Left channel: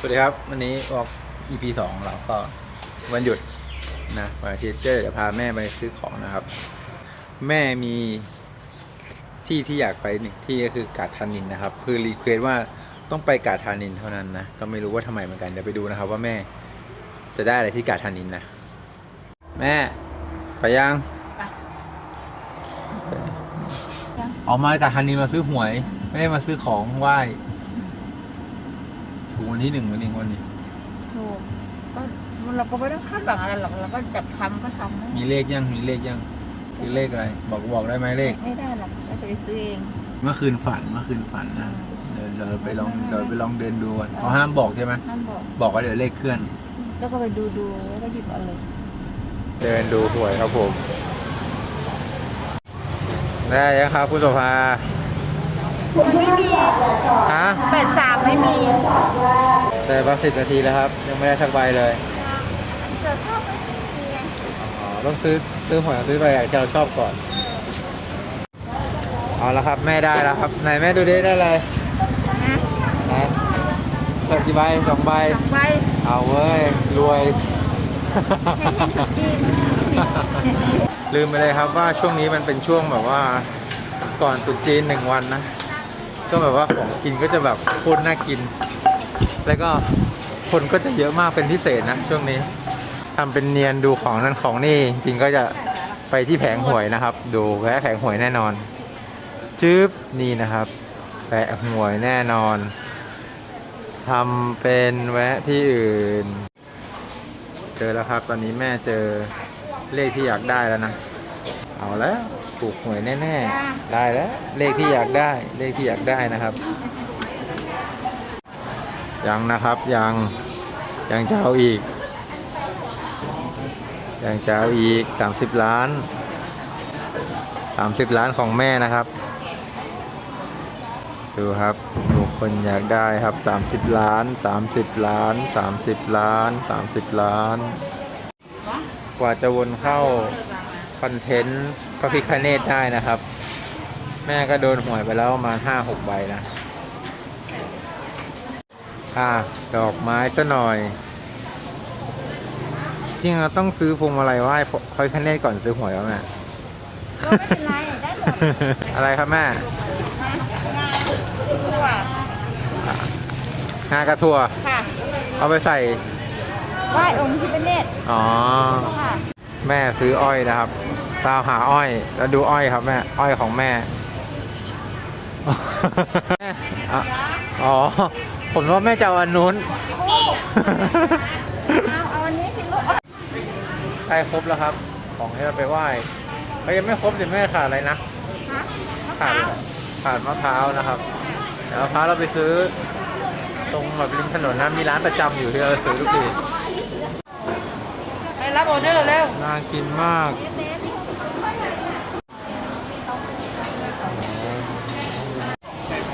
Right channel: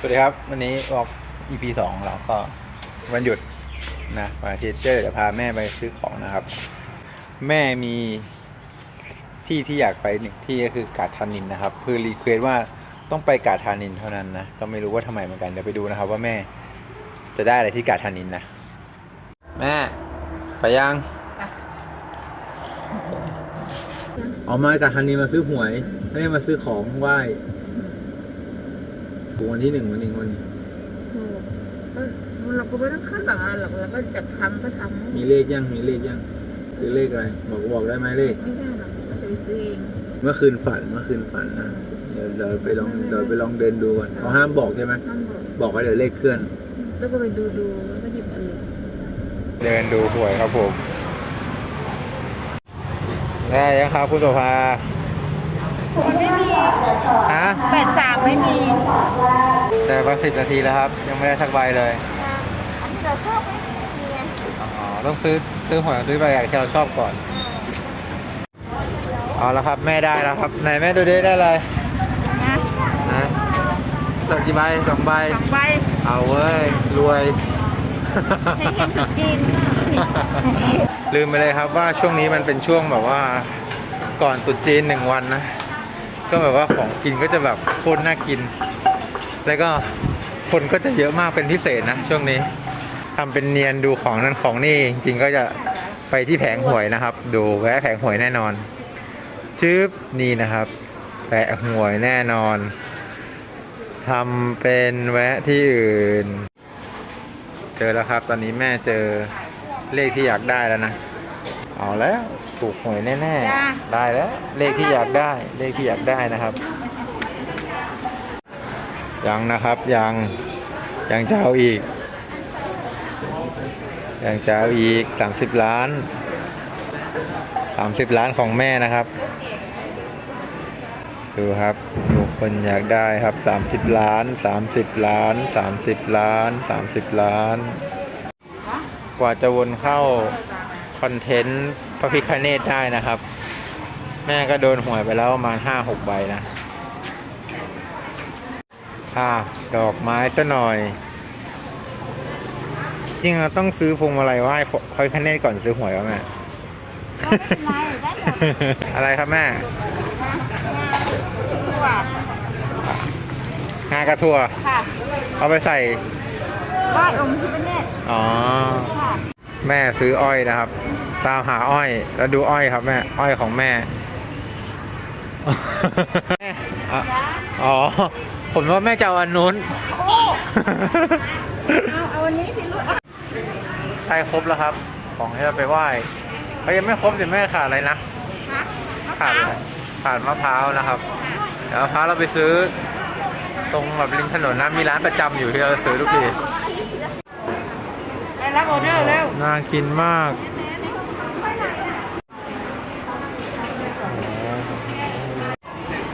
สวัสดีครับ วันนี้ออก EP สองของเราก็วันหยุดนะวันอาทิตย์เจอจะพาแม่ไปซื้อของนะครับ แม่มีที่ที่อยากไปหนึ่งที่ก็คือกาดทานินนะครับ คือรีเควสว่าต้องไปกาดทานินเท่านั้นนะ ก็ไม่รู้ว่าทำไมเหมือนกันเดี๋ยวไปดูนะครับ ว่าแม่จะได้อะไรที่กาดทานินนะ แม่ไปยังออกมากาดทานินมาซื้อหวย ไม่ได้มาซื้อของไหว้ ถูกวันที่หนึ่งวันนี้วันนี้ ถูกก็เราก็ไม่ต้องคาดหวังอะไรหรอกเราก็จะทำก็ทำมีเลขยังมีเลขยังคือเลขอะไร บอกบอกได้ไหมเลข ไม่ได้หรอกเราจะไปซื้อเองเมื่อคืนฝันเมื่อคืนฝันนะเดี๋ยวเดี๋ยวไปลองเดี๋ยวไปลองเดินดูก่อนเขาห้ามบอกใช่ไหมห้ามบอกบอกว่าเดี๋ยวเลขเคลื่อน แล้วก็ไปดูดูแล้วก็หยิบเอาเลยเดินดูหวยครับผม ได้ยังครับคุณโสภา ไม่มีฮะแปดสามไม่มีแต่มาสิบนาทีแล้วครับ ยังไม่ได้สักใบเลยอันจะชอบไม่มีอ๋อต้องซื้อซื้อหวยซื้อใบใหญ่ที่เราชอบก่อนเอาละครับแม่ได้แล้วครับไหนแม่ดูดิได้อะไรนะนะสักกี่ใบสองใบสองใบเอาเว้ยรวยให้เห็นสุดจีนลืมไปเลยครับว่าช่วงนี้มันเป็นช่วงแบบว่าก่อนตรุษจีนหนึ่งวันนะ ก็แบบว่าของกินก็จะแบบโคตรน่ากิน แล้วก็คนก็จะเยอะมากเป็นพิเศษนะช่วงนี้ทำเป็นเนียนดูของนั้นของนี่จริงก็จะไปที่แผงหวยนะครับ ดูแวะแผงหวยแน่นอนจึ๊บนี่นะครับแผงหวยแน่นอนทำเป็นแวะที่อื่น เจอแล้วครับ ตอนนี้แม่เจอเลขที่อยากได้แล้วนะ เอาแล้ว ถูกหวยแน่ๆ ได้แล้ว เลขที่อยากได้ เลขที่อยากได้นะครับ ยังนะครับ ยัง ยังจะเอาอีก ยังจะเอาอีก30ล้าน30ล้านของแม่นะครับ ดูครับดูคนอยากได้ครับ30ล้าน30ล้าน30ล้าน30ล้าน กว่าจะวนเข้าคอนเทนต์ พระพิคเนตได้นะครับ แม่ก็โดนหวยไปแล้วประมาณห้าหกใบนะอ่าดอกไม้ซะหน่อยจริงเราต้องซื้อพวงมาลัยไหว้พระพิคเนตก่อนซื้อหวยวะแม่ก็ไม่เป็นไรได้หมดอะไรครับแม่ทั่วงากระทัวค่ะเอาไปใส่ไหว้องค์ที่ประเนตรอ๋อค่ะแม่ซื้ออ้อยนะครับ ตามหาอ้อย แล้วดูอ้อยครับแม่ อ้อยของแม่อะอ๋อ ผมว่าแม่จะเอาอันนู้น เอาเอาอันนี้สิลูกเอาใกล้ครบแล้วครับ ของที่เราไปไหว้เขายังไม่ครบสิแม่ขาดอะไรนะฮะมะพขาดร้าอะวไรขาดมะพร้าวนะครับ เดี๋ยวมะพร้าวเราไปซื้อ ตรงแบบริมถนนนะ มีร้านประจำอยู่ที่เราซื้อทุกทีได้รับออเดอร์แล้ว น่ากินมาก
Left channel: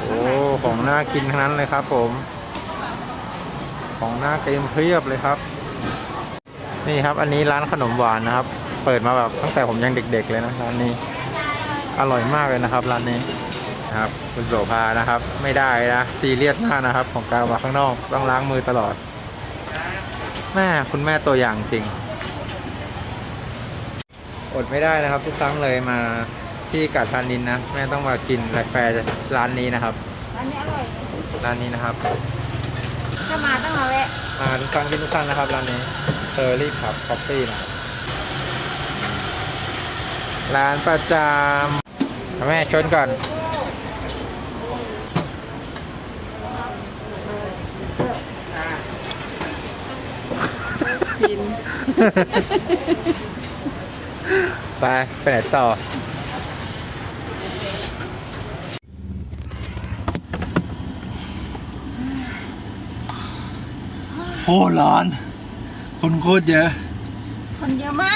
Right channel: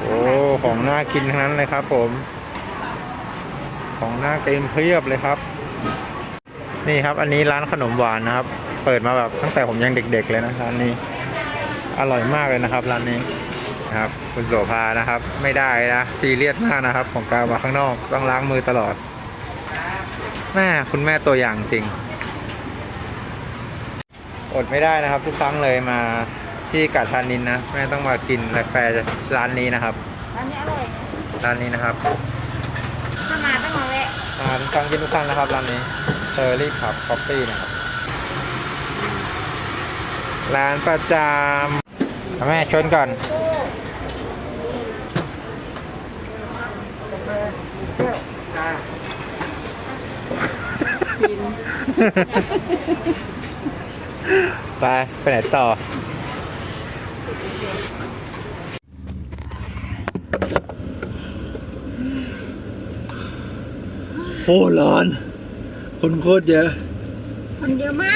โอ้ ของ น่ากินทั้งนั้นเลยครับผม ของน่ากินเพียบเลยครับ นี่ครับอันนี้ร้านขนมหวานนะครับ เปิดมาแบบตั้งแต่ผมยังเด็ก ๆ เลยนะร้านนี้อร่อยมากเลยนะครับร้านนี้นะครับ คุณโสภานะครับ ไม่ได้นะซีเรียสมากนะครับ ของการมาข้างนอกต้องล้างมือตลอด แม่คุณแม่ตัวอย่างจริง อดไม่ได้นะครับ ทุกครั้งเลยมาที่กาดทานินนะ แม่ต้องมากินกาแฟร้านนี้นะครับ ร้านนี้อร่อยร้านนี้นะครับถ้ามาต้องมาแวะอ่าทุกครั้งกินทุกครั้งนะครับร้านนี้เซอร์รี่ขับคอฟฟี่นะครับ ร้านประจำแม่ชนก่อน กิน ไป ไปไหนต่อ โคตรร้อน คนโคตรเยอะ คนเยอะมา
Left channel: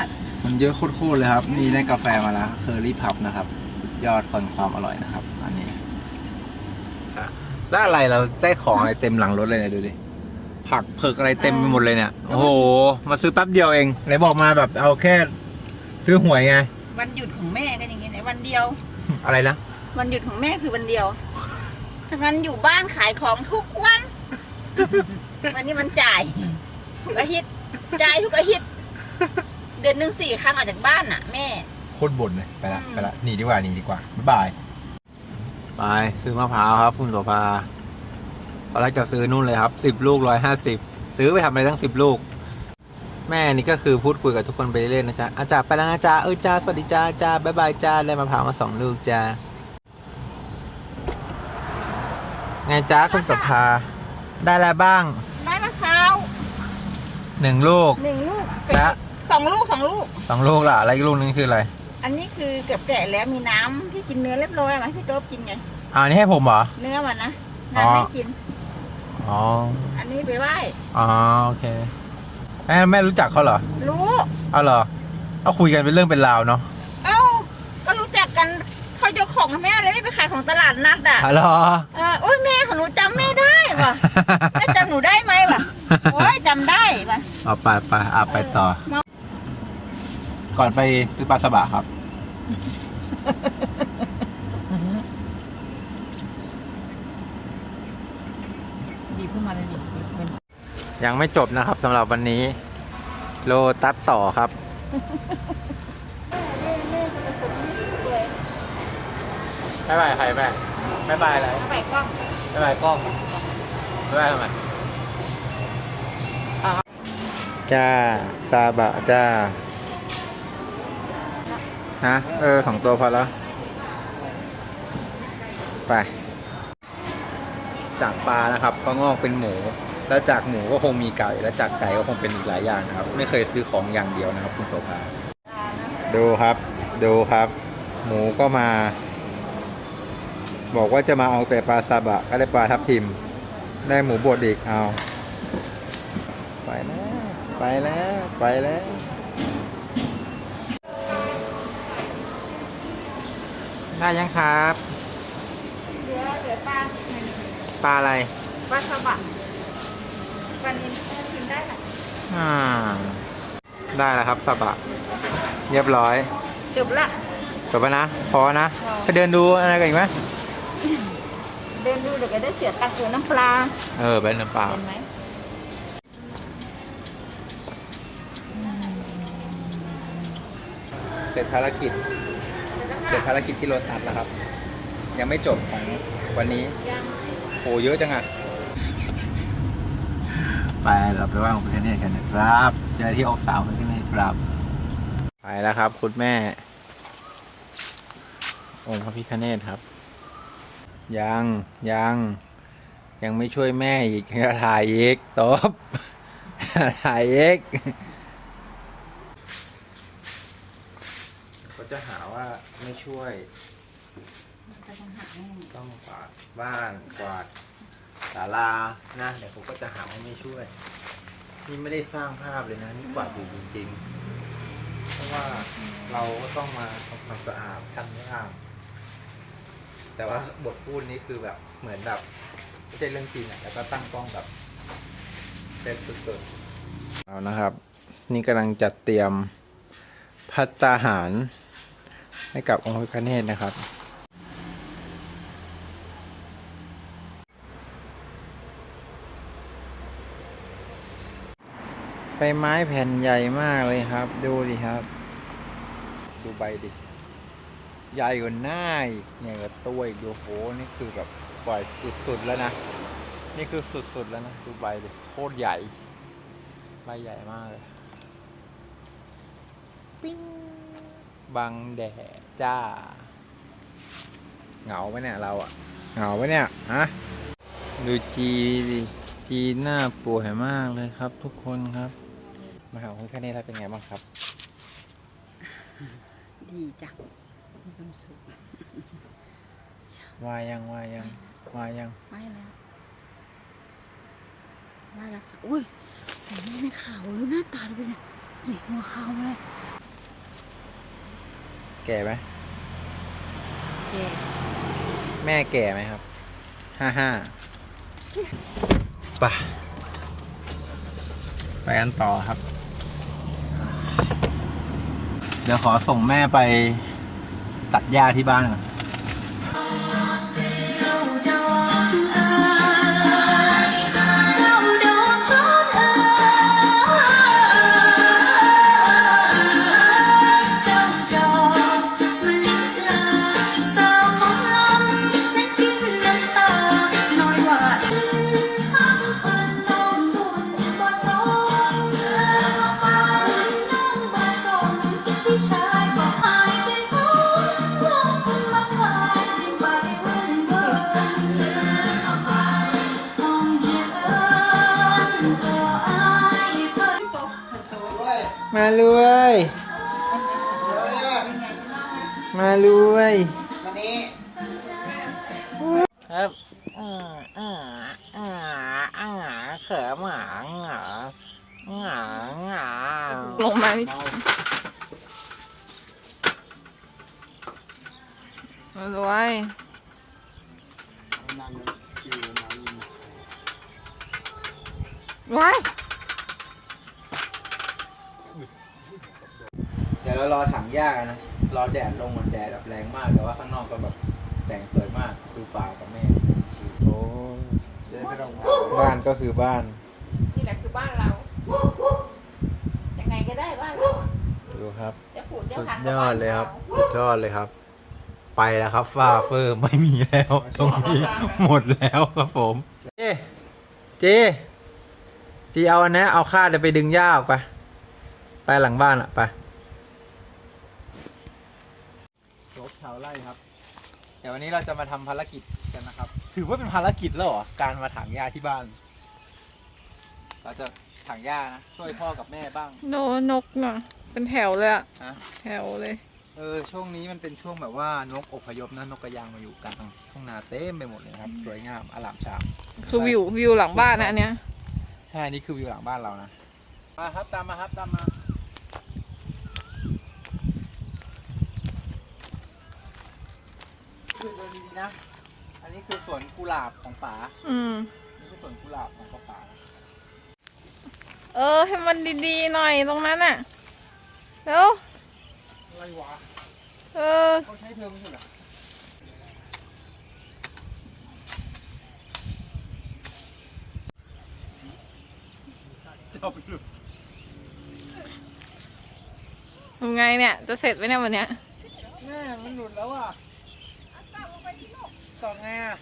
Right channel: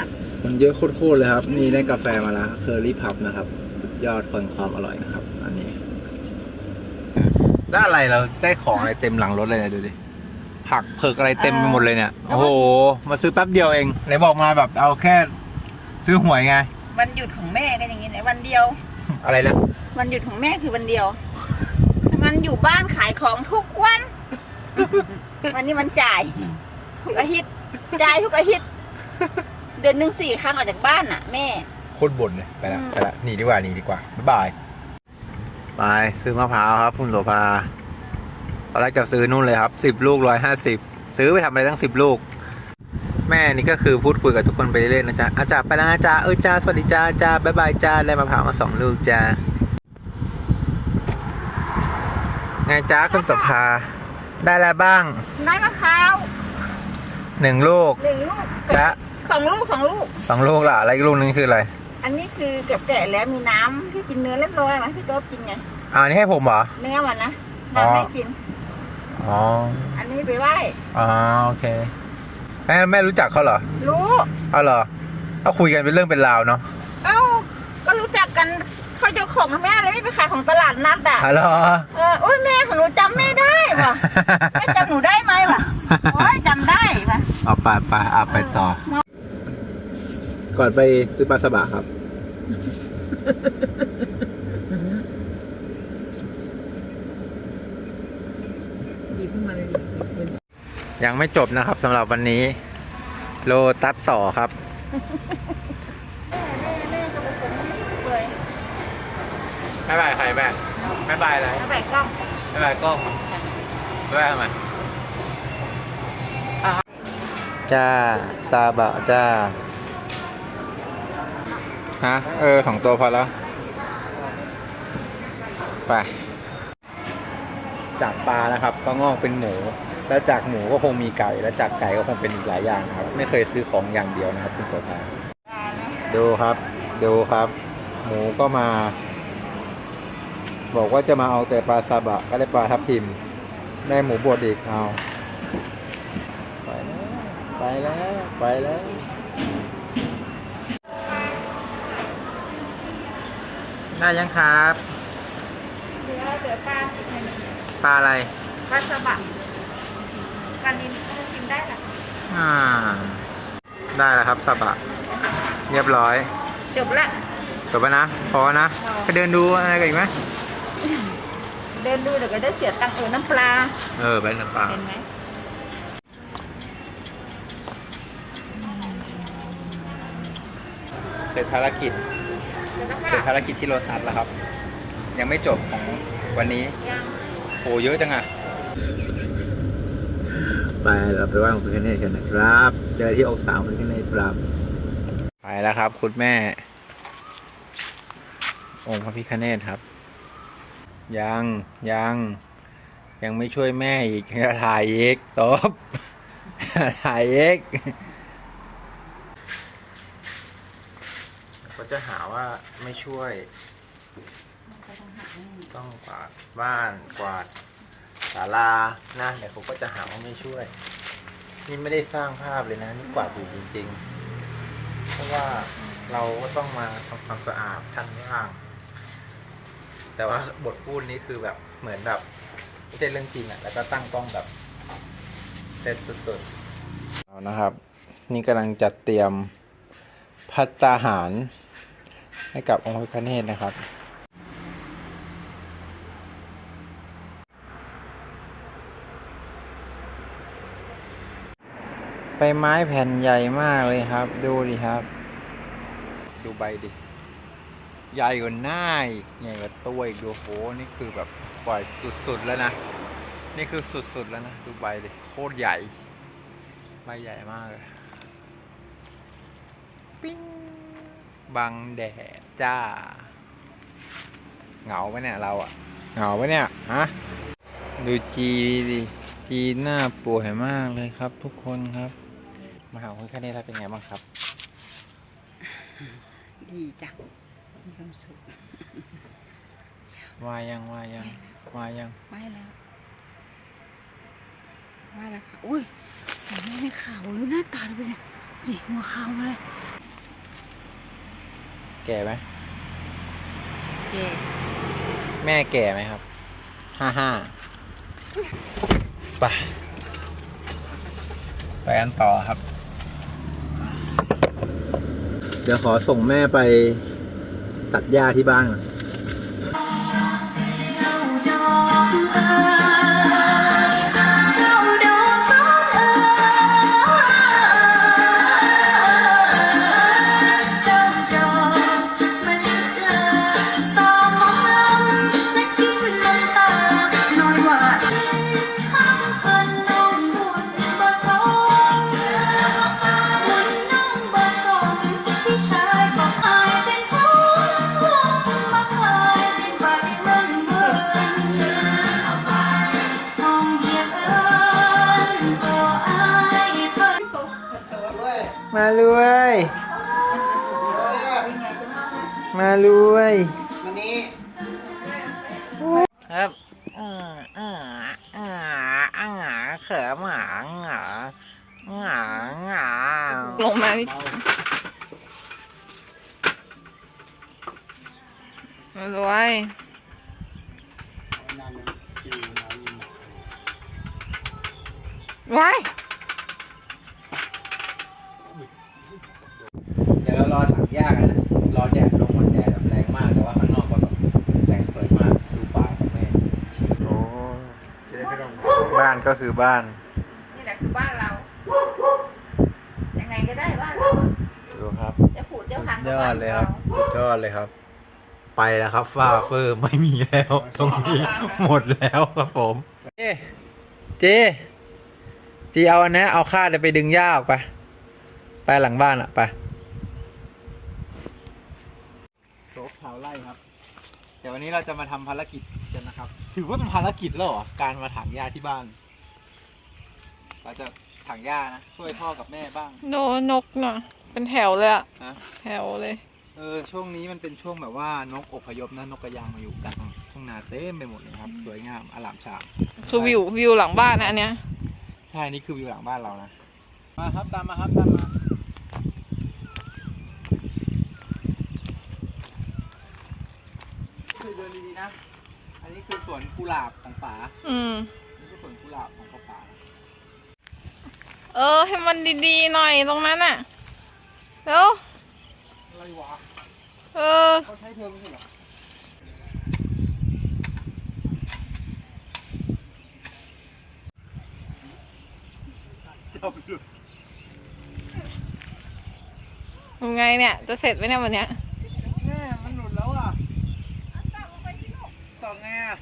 ก คนเยอะโคตรๆเลยครับ นี่ได้กาแฟมาแล้วเคอรี่พับนะครับ สุดยอดคนความอร่อยนะครับ อันนี้ได้อะไรเราได้ของอะไรเต็มหลังรถเลยเนี่ยดูดิ ผักเผือกอะไรเต็มไปหมดเลยเนี่ย โอ้โห มาซื้อแป๊บเดียวเองไหนบอกมาแบบเอาแค่ ซื้อหวยไง วันหยุดของแม่ก็อย่างนี้ไหนวันเดียว อะไรนะ วันหยุดของแม่คือวันเดียวถ้างั้นอยู่บ้านขายของทุกวัน วันนี้มันจ่ายทุกอาทิตย์จ่ายทุกอาทิตย์เดือนหนึ่งสี่ครั้งออกจากบ้านน่ะ แม่ โคตรบ่นเลยไปละไปละหนีดีกว่าหนีดีกว่าบ๊ายบายไปซื้อมะพร้าวครับ คุณโสภาตอนแรกจะซื้อนู่นเลยครับสิบลูกร้อยห้าสิบซื้อไปทำอะไรตั้งสิบลูก แม่นี่ก็คือพูดคุยกับทุกคนไปเรื่อยๆนะจ๊ะอาจารย์ไปแล้วนะจ๊ะเออจ้าสวัสดีจ้าจ้าบ๊ายบายจ้าได้มะพร้าวมาสองลูกจ้าไงจ้าคุณโสภา ได้อะไรบ้างได้มะพร้าวหนึ่งลูก หนึ่งลูกและ สองลูกสองลูก สองลูกล่ะอะไรอีกลูกนึงคืออะไรอันนี้คือเกือบแก่แล้วมีน้ำพี่กินเนื้อเรียบร้อยไหมพี่โต๊ะกินไงอ่านี่ให้ผมเหรอ เนื้อมันนะอ๋อ น้ำให้กิน อ๋ออันนี้ไปไหว้อ๋อโอเคแม่แม่รู้จักเขาเหรอรู้เอาเหรอเอาคุยกันเป็นเรื่องเป็นราวเนาะเอ้าก็รู้จักกันเขาเจ้าของแม่เลยไม่ไปขายของตลาดนัดอะฮัลโหลเอออุ้ ยแม่ของหนูจำแม่ได้ว่ะแม่จำหนูได้ไหมวะโอ้ยจำได้ว่ะเอาไปไปอะไปต่อ ก่อนไปซื้อปลาสบะครับ ดีขึ้นมาเลยดิมันยังไม่จบนะครับสำหรับวันนี้ โลตัดต่อครับ แม่แม่ก็เป็นคนที่เปื่อย ไม่บายใครแม่ไม่บายอะไรแล้วแบกกล้องไม่บายกล้องไม่บายทำไมจ้า ซาบะจ้า ฮะ เออสองตัวพอแล้ว ไป จากปลานะครับ ก็งอกเป็นหมู แล้วจากหมูก็คงมีไก่ แล้วจากไก่ก็คงเป็นอีกหลายอย่างนะครับ ไม่เคยซื้อของอย่างเดียวนะครับ คุณโสภาดูครับ ดูครับ หมูก็มา บอกว่าจะมาเอาแต่ปลาซาบะก็ได้ปลาทับทิม ได้หมูบดอีกเอา ไปแล้ว ไปแล้ว ไปแล้ว ได้ยังครับ เหลือเหลือปลาปลาอะไร ปลาสบะปลานินก็กินได้แหละอ่า ได้แล้วครับซาบะ เรียบร้อย จบละจบแล้วนะ พอนะพอไปเดินดูอะไรกันอีกไหม เดินดูเดี๋ยวก็ได้เสียตังค์เออน้ำปลา เออเป็นน้ำปลาเห็นไหมเสร็จภารกิจ เดี๋ยวนะเสร็จคะภารกิจที่โรตัสแล้วครับ ยังไม่จบของวันนี้ยังโหเยอะจังอะไปเราไปไหว้องค์พระพิฆเนศกันนะครับ เจอที่อกสาวพระพิฆเนศครับ ไปแล้วครับ คุณแม่ องค์พระพิฆเนศครับ ยังยังยังไม่ช่วยแม่อีกจะถ่ายอีกตบถ่ายอีกเขาจะหาว่าไม่ช่วย ต้องกวาดบ้านกวาดศาลานะเดี๋ยวผมก็จะหาว่าไม่ช่วย นี่ไม่ได้สร้างภาพเลยนะ นี่กวาดอยู่จริงๆ เพราะว่าเราก็ต้องมาทำความสะอาดชั้นล่าง แต่ว่าบทพูดนี้คือแบบเหมือนแบบไม่ใช่เรื่องจริงอะ่ะแล้วก็ตั้งกล้องแบบเซ็ตสุดๆเอานะครับ นี่กำลังจัดเตรียมพัตตาหาร ให้กับองค์พระพิฆเนศนะครับใบไม้แผ่นใหญ่มากเลยครับ ดูดิครับ ดูใบดิ ใหญ่กว่าหน้าอีกใหญ่กว่าตัวอีกดูโหนี่คือแบบปล่อยสุดๆแล้วนะ นี่คือสุดๆแล้วนะ ดูใบดิโคตรใหญ่ ใบใหญ่มากเลยปิ้งบังแดดจ้า เหงาไหมเนี่ยเราอะเหงาไหมเนี่ยฮะดูจีดิจีหน้าป่วยมากเลยครับ ทุกคนครับ มาหาคุณแค่นี้แล้วเป็นไงบ้างครับ ดีจัง มีความสุขวายังวายังวายังไม่แล้วไม่แล้วค่ะอุ้ยไม่ไม่ขาวดูหน้าตาดูเป็นไงนี่หัวขาวมาเลย แก่ไหมแกแม่แก่ไหมครับ ห้าห้าไปไปกันต่อครับ เดี๋ยวขอส่งแม่ไป ตัดหญ้าที่บ้านก่อน รวย มารวยวันนี้ครับอ่าอ่าอ่าอ่าเขิมหมาหงาหงาหงาลงมานี่มารวยว้าย ยวเรารอถังหญ้ากันนะรอแดดลงมันแดดแบบแรงมากแต่ว่าข้างนอกก็แบบแต่งสวยมากดูป่ากับแม่โอ้บ้านก็คือบ้าน นี่แหละคือบ้านเรา ยังไงก็ได้บ้านเราดูครับ จะผูดเดี๋ยวสุดขังยอดเลยครับสุดยอดเลยครับ ไปแล้วครับฟ้าเฟอร์ไม่มีแล้วตรงนี้หมดแล้วครับผมเจเจจีเอาอันนี้เอาคาดไปดึงหญ้าออกไป ไปหลังบ้านอะไปโซกชาวไร่ ครับ เดี๋ยววันนี้เราจะมาทำภารกิจกันนะครับ ถือว่าเป็นภารกิจแล้วเหรอ การมาถางหญ้าที่บ้าน เราจะถางหญ้านะ ช่วยพ่อกับแม่บ้างโดนนกน่ะ เป็นแถวเลยอะฮะ แถวเลย เออ ช่วงนี้มันเป็นช่วงแบบว่านกอพยพนะนกกระยางมาอยู่กลางทุ่งนาเต็มไปหมดเลยครับ สวยงามอลามฉามคือวิววิวหลังบ้านนะอันเนี้ย ใช่ นี่คือวิวหลังบ้านเรานะ มาครับ ตามมาครับ ตามมาคือเดิ นดีๆนะ อันนี้คือสวนกุหลาบของป๋าอืม นี่คือสวนกุหลาบของป้าป๋านะเออ ให้มันดีๆหน่อยตรงนั้นน่ะเร็วอะไรวะเออ เขาใช้เธอไม่ใช่เหรอเจ้าไปดู ทำไงเนี่ย จะเสร็จไหมเนี่ยวันเนี้ย แม่มันหลุดแล้วอะต่อ ไงอะ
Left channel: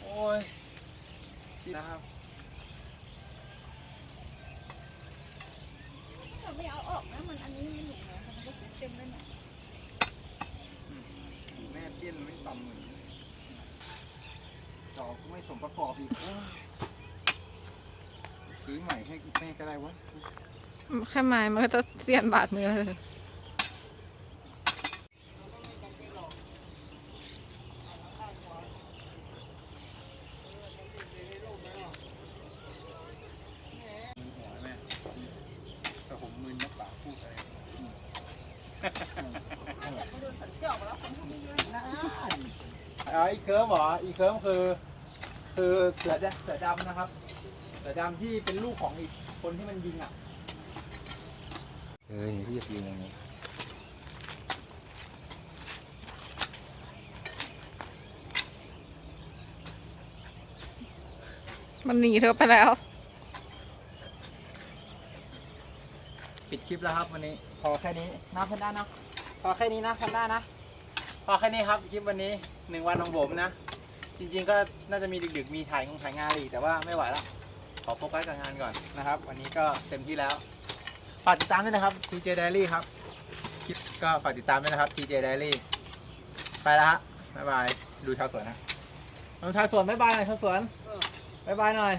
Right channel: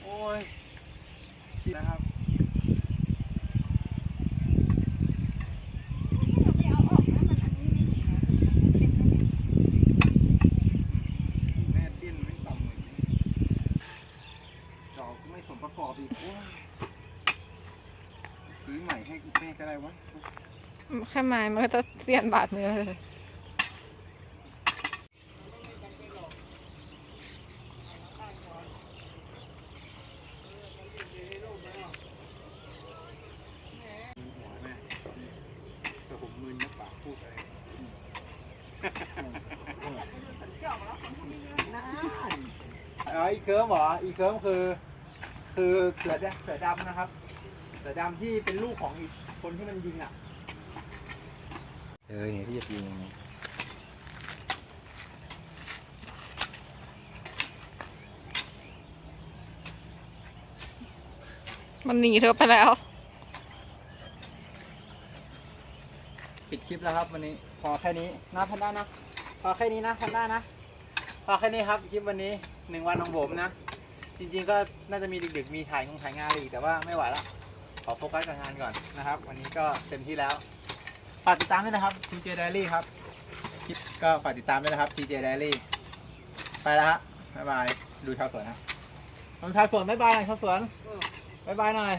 โอ้ยนะครับแม่ดิ้นไม่ต่ำเลยดอกก็ไม่สมประกอบอีก โอ้ยซื้อใหม่ให้แม่ก็ได้วะ แค่ไม้มันก็จะเสียนบาดมือเลย หัวแม่แต่ผมมึนนักปากพูดอะไร อ๋ออีเคิร์มเหรออีเคิร์มคือ คือเสือดำเสือดำนะครับ เสือดำที่เป็นลูกของอีกคนที่มันยิงอะเออเนี่ยที่จะยิงตรงนี้มันหนีเธอไปแล้ว ปิดคลิปแล้วครับวันนี้ พอแค่นี้นะพันด้านะพอแค่นี้นะพันด้านะ พอแค่นี้ครับคลิปวันนี้หนึ่งวันของผมนะ จริงๆก็น่าจะมีดึกๆมีถ่ายงงถ่ายงานอะไรอีกแต่ว่าไม่ไหวแล้ว ขอโฟกัสกับงานก่อนนะครับ วันนี้ก็เต็มที่แล้วฝากติดตามด้วยนะครับ TJ Diary ครับคลิปก็ฝากติดตามด้วยนะครับ TJ Diary ไปแล้วฮะบ๊ายบายดูชาวสวนนะดูชาวสวนบ๊ายบายหน่อยชาวสวนบ๊ายบายหน่อย